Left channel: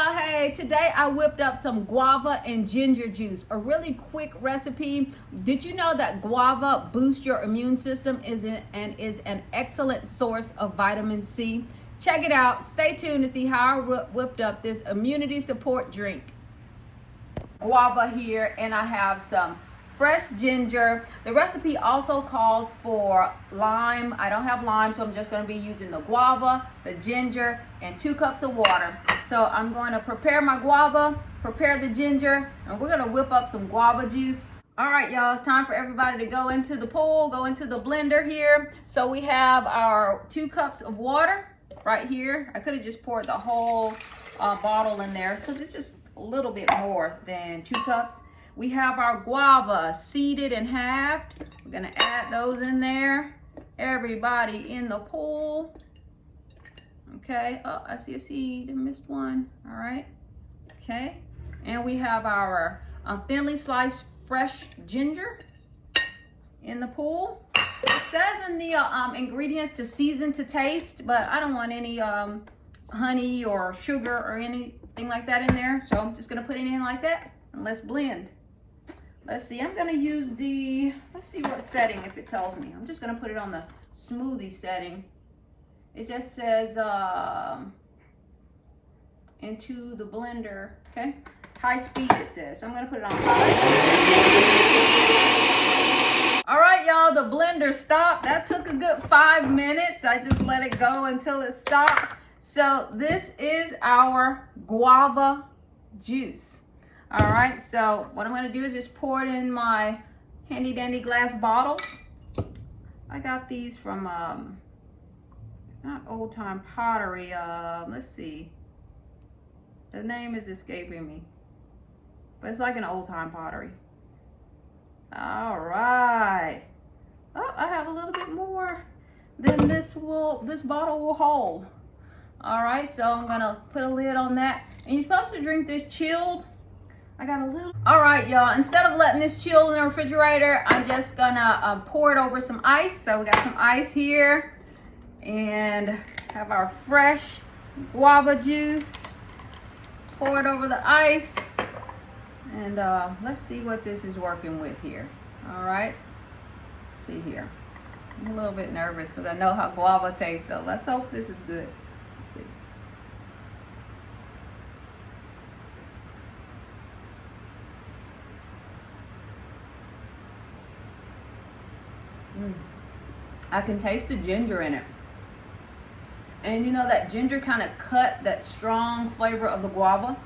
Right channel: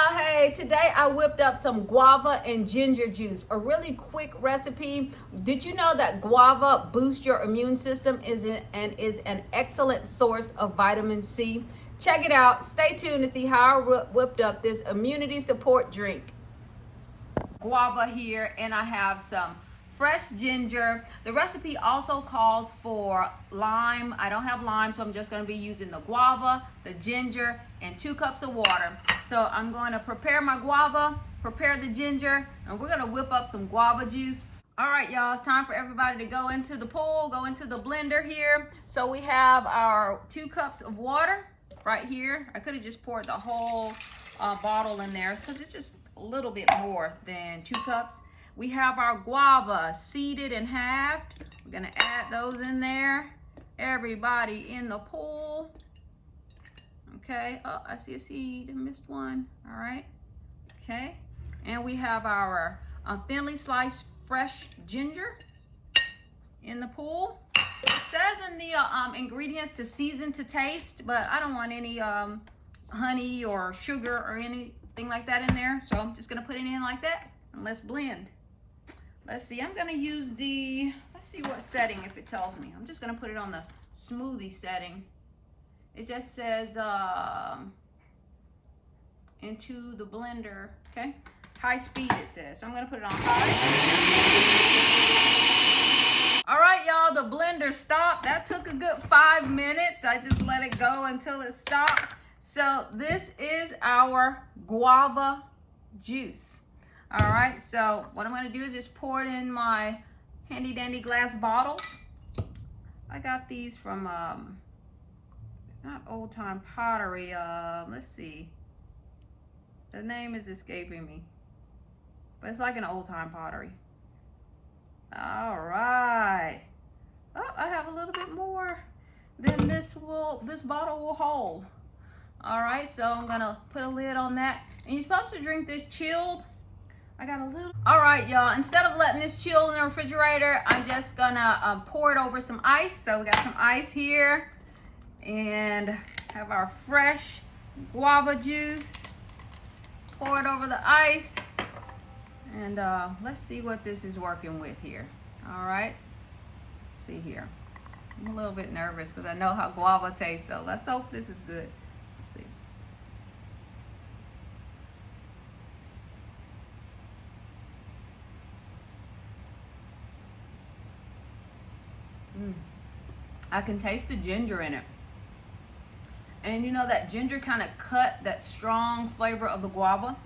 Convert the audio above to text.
y'all, hey, today I whipped up some guava and ginger juice, a really quick recipe. Did you know that guava boosts your immune system and is an excellent source of vitamin C? Check it out. Stay tuned to see how I whipped up this immunity support drink. Guava here, and I have some fresh ginger. The recipe also calls for lime. I don't have lime, so I'm just going to be using the guava, the ginger, and 2 cups of water. So I'm going to prepare my guava, prepare the ginger, and we're going to whip up some guava juice. All right, y'all, it's time for everybody to go into the pool, go into the blender here. So we have our 2 cups of water right here. I could have just poured the whole bottle in there because it's just a little bit more than 2 cups. We have our guava seeded and halved. We're gonna add those in there. Everybody in the pool. Okay, oh, I see a seed, I missed one. All right, okay. And we have our thinly sliced fresh ginger in the pool. It says in the ingredients to season to taste, but I don't want any honey or sugar or anything like that in there. So I'm just gonna put it in like that and let's blend. Let's see, I'm gonna use let's see what setting, if it tells me. I'm just gonna put it on the smoothie setting. It just says into the blender, okay? High speed it says, so I'm gonna put it on high. All right, y'all, the blender stopped. That took a good 5 minutes. I just let it go until it stopped. So this is our guava juice. All right, so what I'm gonna do is just pour it in my handy dandy glass bottles. I got these from, not Old Time Pottery, let's see. The name is escaping me, but it's like an Old Time Pottery. All right. Oh, I have a little bit more than this bottle will hold. All right, so I'm gonna put a lid on that. And you're supposed to drink this chilled. I got a little. All right, y'all, instead of letting this chill in the refrigerator, I'm just gonna pour it over some ice. So we got some ice here and have our fresh guava juice. Pour it over the ice and let's see what this is working with here. All right, let's see here. I'm a little bit nervous because I know how guava tastes, so let's hope this is good. Let's see. I can taste the ginger in it. And you know that ginger kind of cut that strong flavor of the guava.